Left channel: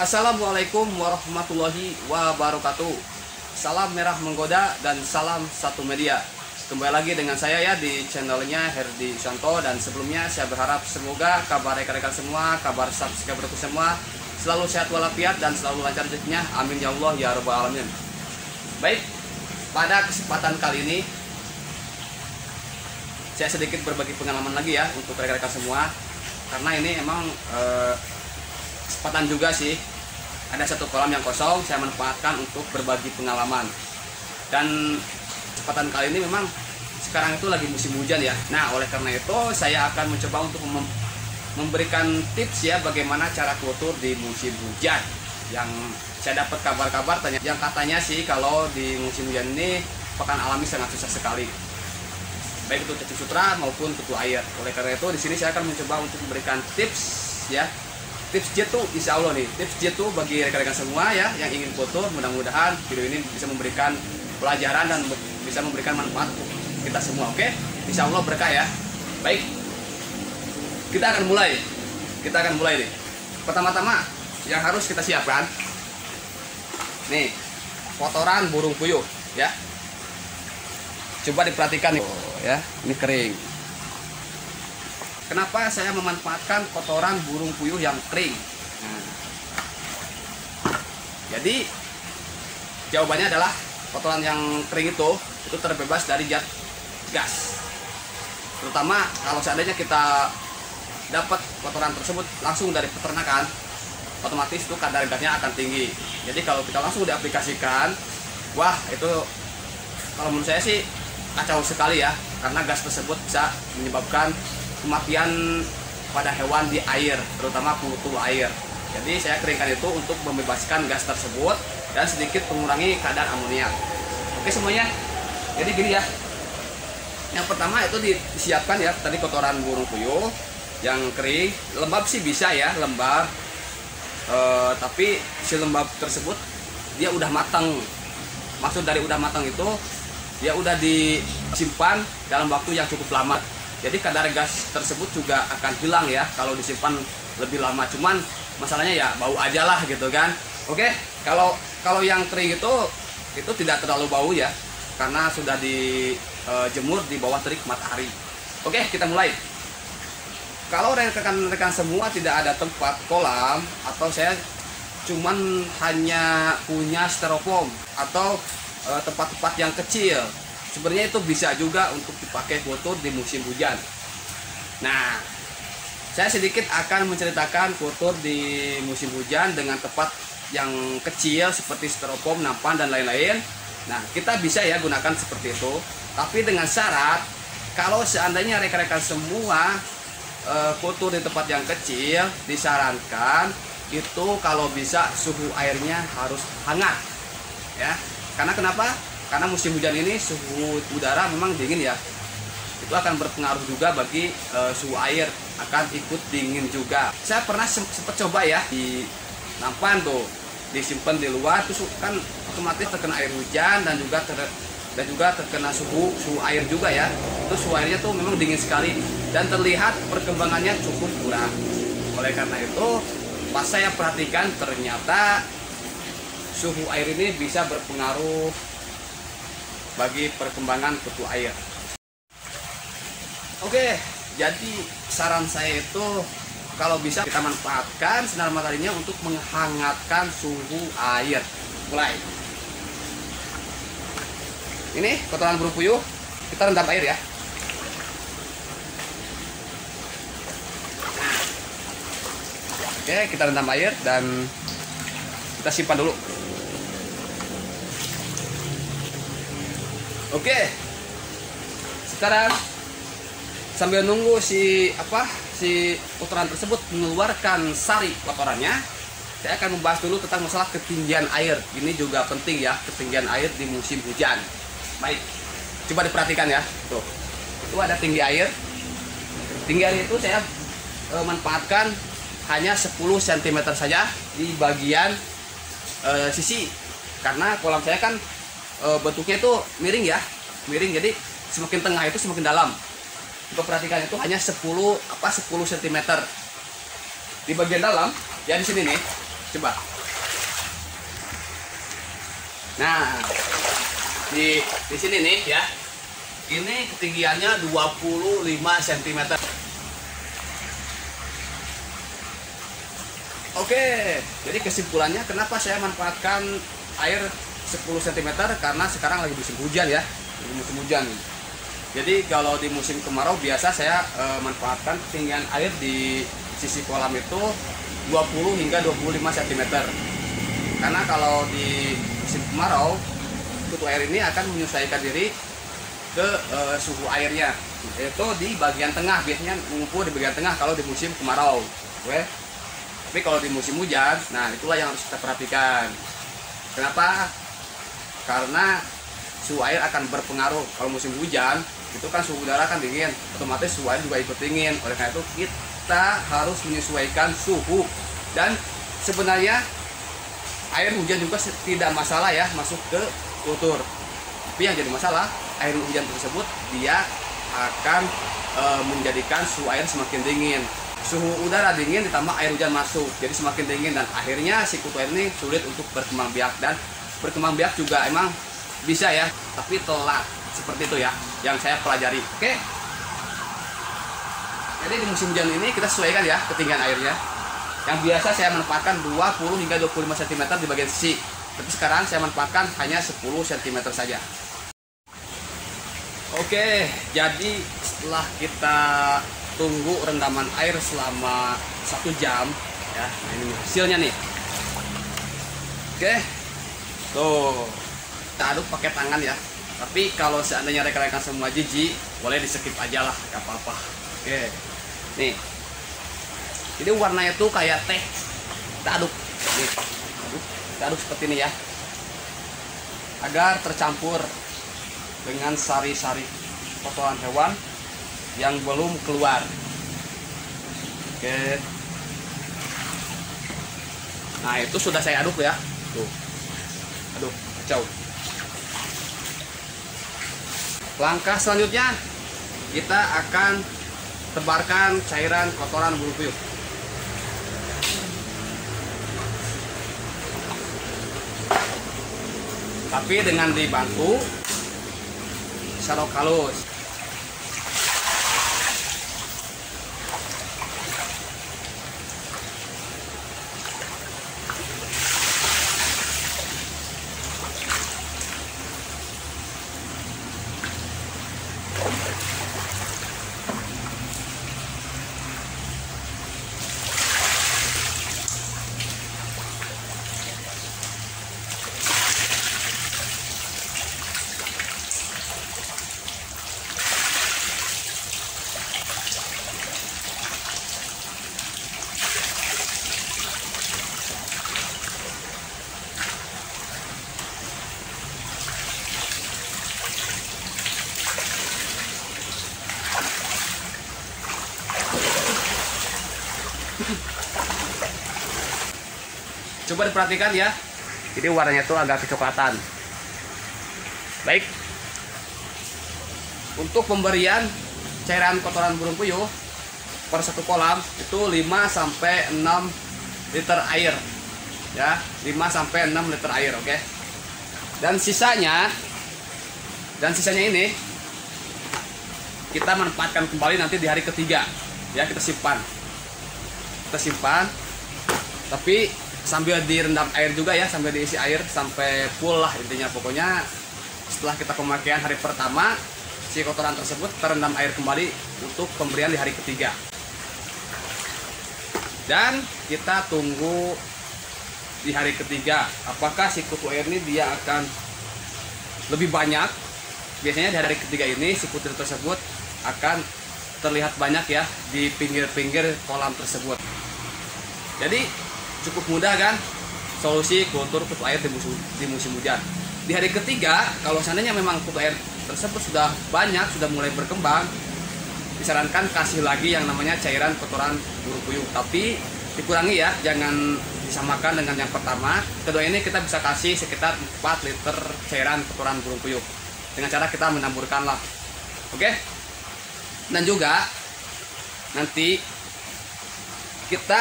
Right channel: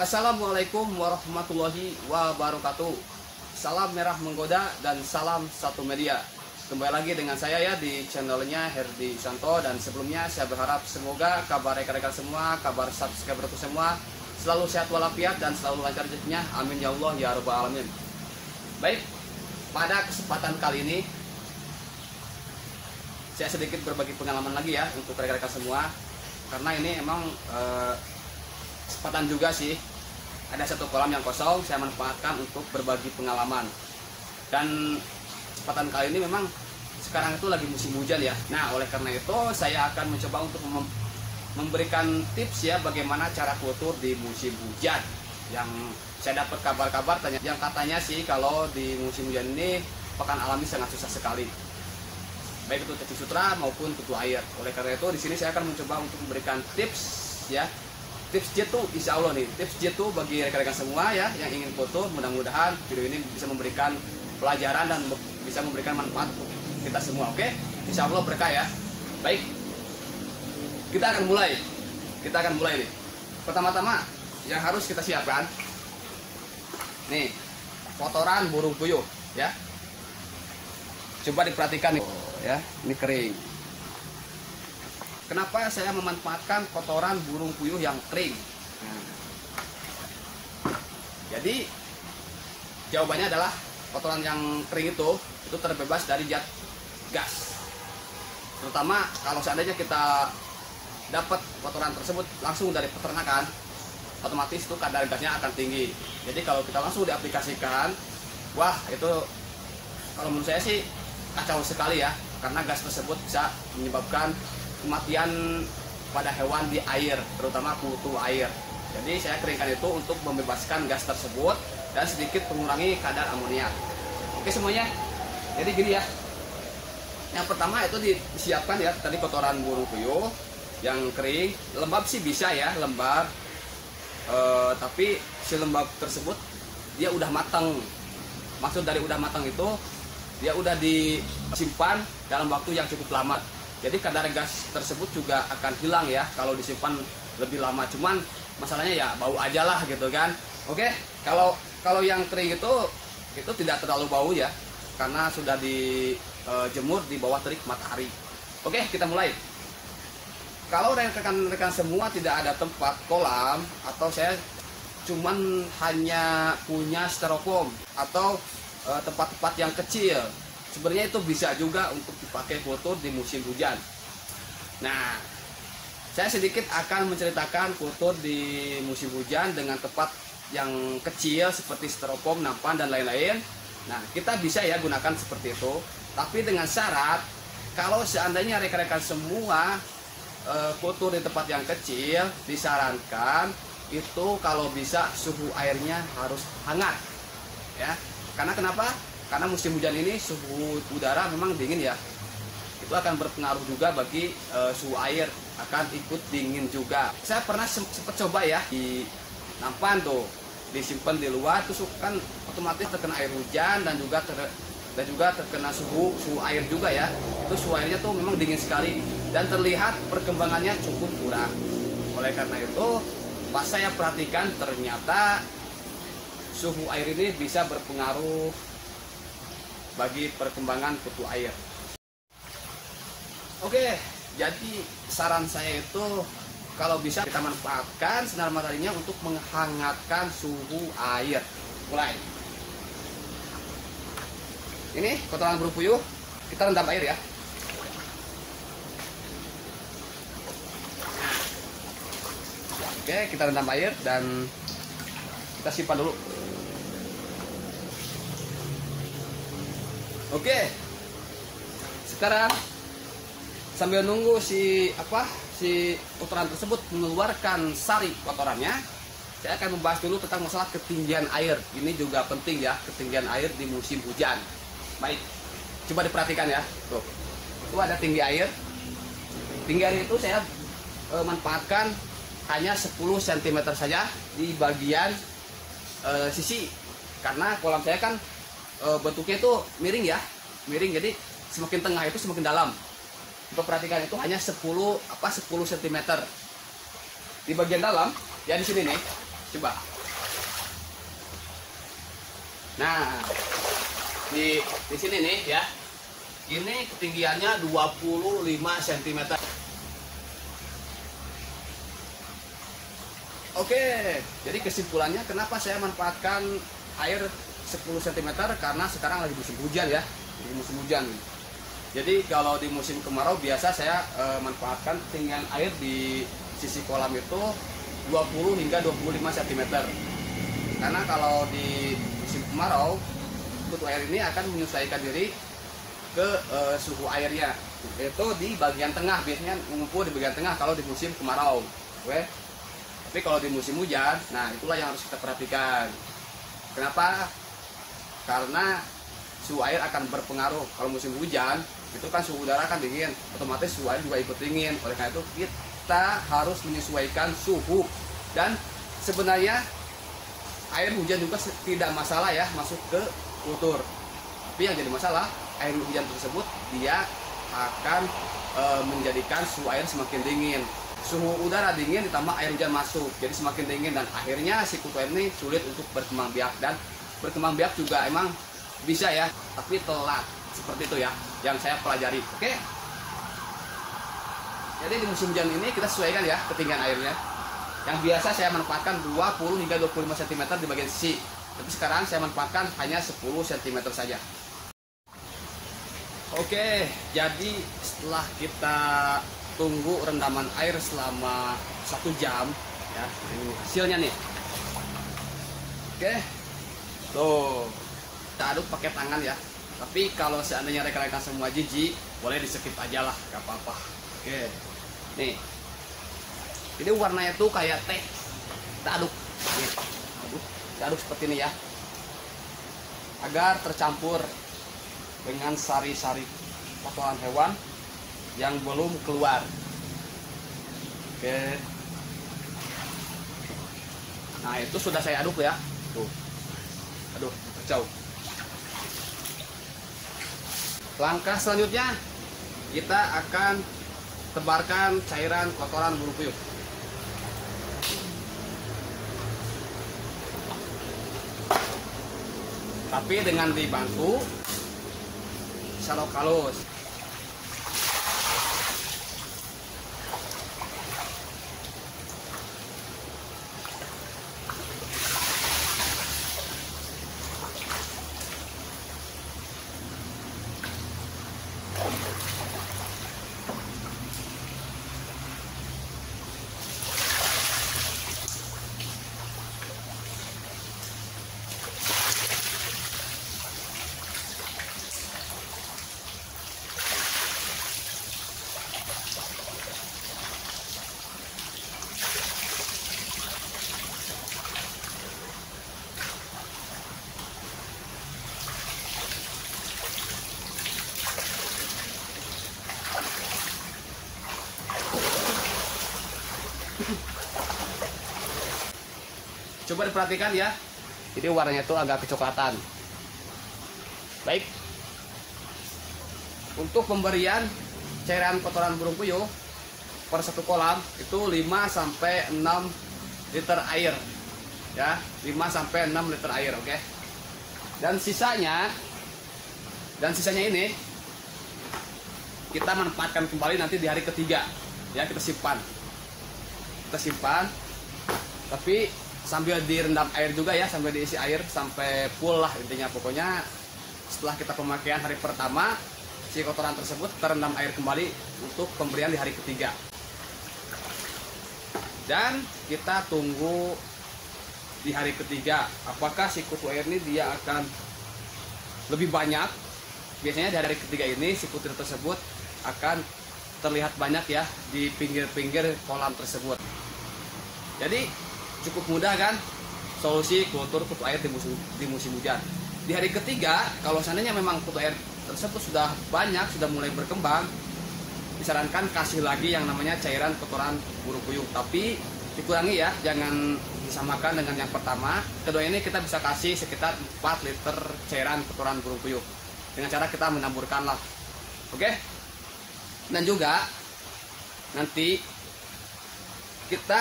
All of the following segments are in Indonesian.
Assalamualaikum warahmatullahi wabarakatuh. Salam merah menggoda dan salam satu media. Kembali lagi dengan saya ya di channelnya Herdi Santo. Dan sebelumnya saya berharap semoga kabar rekan-rekan semua, kabar subscriberku semua selalu sehat walafiat dan selalu lancar rezekinya. Amin ya Allah ya rabbal alamin. Baik, pada kesempatan kali ini saya sedikit berbagi pengalaman lagi ya untuk rekan-rekan semua. Karena ini emang kesempatan juga sih, ada satu kolam yang kosong, saya manfaatkan untuk berbagi pengalaman. Dan kesempatan kali ini memang sekarang itu lagi musim hujan ya. Nah, oleh karena itu saya akan mencoba untuk memberikan tips ya bagaimana cara kultur di musim hujan. Yang saya dapat kabar-kabar yang katanya sih kalau di musim hujan ini pakan alami sangat susah sekali, baik itu tutul sutra maupun tutul air. Oleh karena itu di sini saya akan mencoba untuk memberikan tips ya. Tips jitu insya Allah nih, tips jitu bagi rekan-rekan semua ya yang ingin kultur. Mudah-mudahan video ini bisa memberikan pelajaran dan bisa memberikan manfaat untuk kita semua. Oke, insya Allah berkah ya. Baik, kita akan mulai nih. Pertama-tama yang harus kita siapkan nih, kotoran burung puyuh ya. Coba diperhatikan nih ya, ini kering. Kenapa saya memanfaatkan kotoran burung puyuh yang kering? Jadi jawabannya adalah kotoran yang kering itu terbebas dari zat gas. Terutama kalau seandainya kita dapat kotoran tersebut langsung dari peternakan, otomatis itu kadar gasnya akan tinggi. Jadi kalau kita langsung diaplikasikan, wah itu kalau menurut saya sih kacau sekali ya, karena gas tersebut bisa menyebabkan kematian pada hewan di air, terutama kultur air. Jadi saya keringkan itu untuk membebaskan gas tersebut dan sedikit mengurangi kadar amonia. Oke semuanya, jadi gini ya. Yang pertama itu disiapkan ya tadi kotoran burung puyuh yang kering, lembab sih bisa ya, lembab. Tapi si lembab tersebut dia udah matang. Maksud dari udah matang itu dia udah disimpan dalam waktu yang cukup lama. Jadi kadar gas tersebut juga akan hilang ya kalau disimpan lebih lama. Cuman masalahnya ya bau aja lah gitu kan. Oke, kalau yang kering itu tidak terlalu bau ya, karena sudah dijemur di bawah terik matahari. Oke, kita mulai. Kalau rekan-rekan semua tidak ada tempat kolam, atau saya cuman hanya punya styrofoam atau tempat-tempat yang kecil, sebenarnya itu bisa juga untuk dipakai kultur di musim hujan. Nah, saya sedikit akan menceritakan kultur di musim hujan dengan tempat yang kecil seperti styrofoam, nampan dan lain-lain. Nah, kita bisa ya gunakan seperti itu, tapi dengan syarat kalau seandainya rekan-rekan semua kultur di tempat yang kecil, disarankan itu kalau bisa suhu airnya harus hangat ya. Karena kenapa? Karena musim hujan ini suhu udara memang dingin ya. Itu akan berpengaruh juga bagi suhu air, akan ikut dingin juga. Saya pernah sempat coba ya di nampan tuh, disimpan di luar, terus kan otomatis terkena air hujan dan juga terkena suhu air juga ya. Itu suhu airnya tuh memang dingin sekali dan terlihat perkembangannya cukup kurang. Oleh karena itu pas saya perhatikan ternyata suhu air ini bisa berpengaruh bagi perkembangan kutu air. Oke, jadi saran saya itu kalau bisa kita manfaatkan sinar mataharinya untuk menghangatkan suhu air. Mulai. Ini kotoran burung puyuh kita rendam air ya. Oke, kita rendam air dan kita simpan dulu. Oke, sekarang sambil nunggu si kotoran tersebut mengeluarkan sari kotorannya, saya akan membahas dulu tentang masalah ketinggian air. Ini juga penting ya, ketinggian air di musim hujan. Baik, coba diperhatikan ya. Tuh, itu ada tinggi air. Tinggi air itu saya manfaatkan hanya 10 cm saja di bagian sisi, karena kolam saya kan bentuknya itu miring ya, jadi semakin tengah itu semakin dalam. Coba perhatikan, itu hanya 10 cm di bagian dalam ya, di sini nih Coba. Nah, di sini nih ya. Ini ketinggiannya 25 cm. Oke, jadi kesimpulannya kenapa saya manfaatkan air 10 cm, karena sekarang lagi musim hujan ya. Lagi musim hujan. Jadi kalau di musim kemarau biasa saya manfaatkan ketinggian air di sisi kolam itu 20 hingga 25 cm. Karena kalau di musim kemarau, kutu air ini akan menyesuaikan diri ke suhu airnya, yaitu di bagian tengah, biasanya mengumpul di bagian tengah kalau di musim kemarau. Oke. Tapi kalau di musim hujan, nah itulah yang harus kita perhatikan. Kenapa? Karena suhu air akan berpengaruh. Kalau musim hujan itu kan suhu udara kan dingin, otomatis suhu air juga ikut dingin. Oleh karena itu kita harus menyesuaikan suhu. Dan sebenarnya air hujan juga tidak masalah ya masuk ke kultur. Tapi yang jadi masalah, air hujan tersebut dia akan menjadikan suhu air semakin dingin. Suhu udara dingin ditambah air hujan masuk, jadi semakin dingin, dan akhirnya si kutu air ini sulit untuk berkembang biak. Dan berkembang biak juga emang bisa ya, tapi telat. Seperti itu ya yang saya pelajari. Oke. Jadi di musim hujan ini kita sesuaikan ya ketinggian airnya. Yang biasa saya manfaatkan 20 hingga 25 cm di bagian sisi. Tapi sekarang saya manfaatkan hanya 10 cm saja. Oke, jadi setelah kita tunggu rendaman air selama 1 jam ya, ini hasilnya nih. Oke. Tuh, kita aduk pakai tangan ya. Tapi kalau seandainya rekan-rekan semua jijik, boleh di skip aja lah, gak apa-apa. Oke. Nih. Ini warnanya tuh kayak teh. Kita aduk. Nih. Kita aduk seperti ini ya. Agar tercampur dengan sari-sari kotoran hewan yang belum keluar. Oke. Nah, itu sudah saya aduk ya. Tuh. Aduh, kacau. Langkah selanjutnya kita akan tebarkan cairan kotoran burung puyuh. Tapi dengan dibantu serok halus. Coba diperhatikan ya, jadi warnanya tuh agak kecoklatan. Baik, untuk pemberian cairan kotoran burung puyuh per satu kolam itu 5-6 liter air ya, 5-6 liter air. Oke. Dan sisanya ini kita manfaatkan kembali nanti di hari ketiga ya. Kita simpan, tapi sambil direndam air juga ya, sambil diisi air sampai full lah intinya. Pokoknya setelah kita pemakaian hari pertama, si kotoran tersebut terendam air kembali untuk pemberian di hari ketiga. Dan kita tunggu di hari ketiga apakah si kutu air ini dia akan lebih banyak. Biasanya di hari ketiga ini si kutu tersebut akan terlihat banyak ya di pinggir-pinggir kolam tersebut. Jadi cukup mudah kan solusi kultur kutu air di musim hujan. Di hari ketiga, kalau seandainya memang kutu air tersebut sudah banyak, sudah mulai berkembang, disarankan kasih lagi yang namanya cairan kotoran burung puyuh. Tapi dikurangi ya, jangan disamakan dengan yang pertama. Kedua ini kita bisa kasih sekitar 4 liter cairan kotoran burung puyuh dengan cara kita mencampurkan lah. Oke. Dan juga nanti kita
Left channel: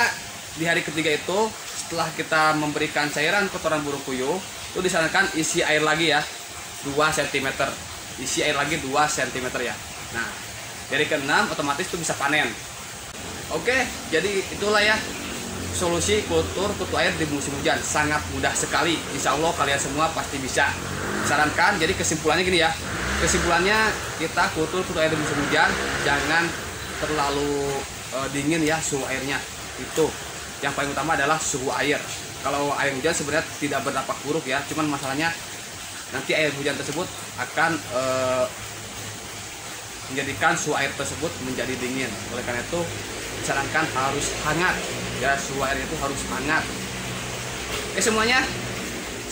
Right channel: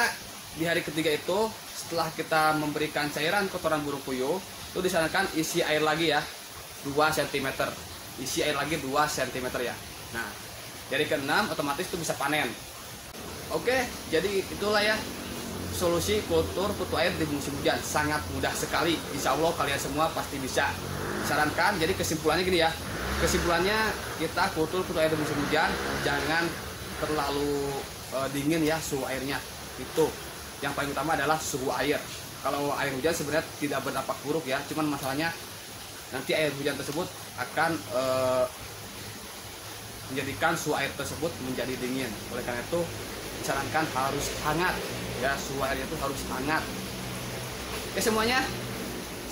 di hari ketiga itu setelah kita memberikan cairan kotoran burung puyuh, itu disarankan isi air lagi ya 2 cm, isi air lagi 2 cm ya. Nah, dari ke-6 otomatis itu bisa panen. Oke, jadi itulah ya solusi kultur kutu air di musim hujan. Sangat mudah sekali, insya Allah kalian semua pasti bisa. Sarankan, jadi kesimpulannya gini ya, kesimpulannya kita kultur kutu air di musim hujan jangan terlalu dingin ya suhu airnya. Itu yang paling utama adalah suhu air. Kalau air hujan sebenarnya tidak berdampak buruk ya, cuman masalahnya nanti air hujan tersebut akan menjadikan suhu air tersebut menjadi dingin. Oleh karena itu disarankan harus hangat ya, suhu air itu harus hangat. Oke semuanya,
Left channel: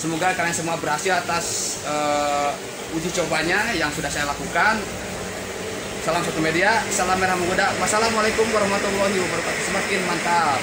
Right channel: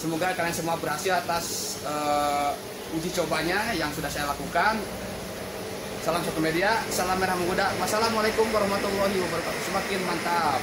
semoga kalian semua berhasil atas uji cobanya yang sudah saya lakukan. Salam satu media, salam merah menggoda. Wassalamualaikum warahmatullahi wabarakatuh. Semakin mantap.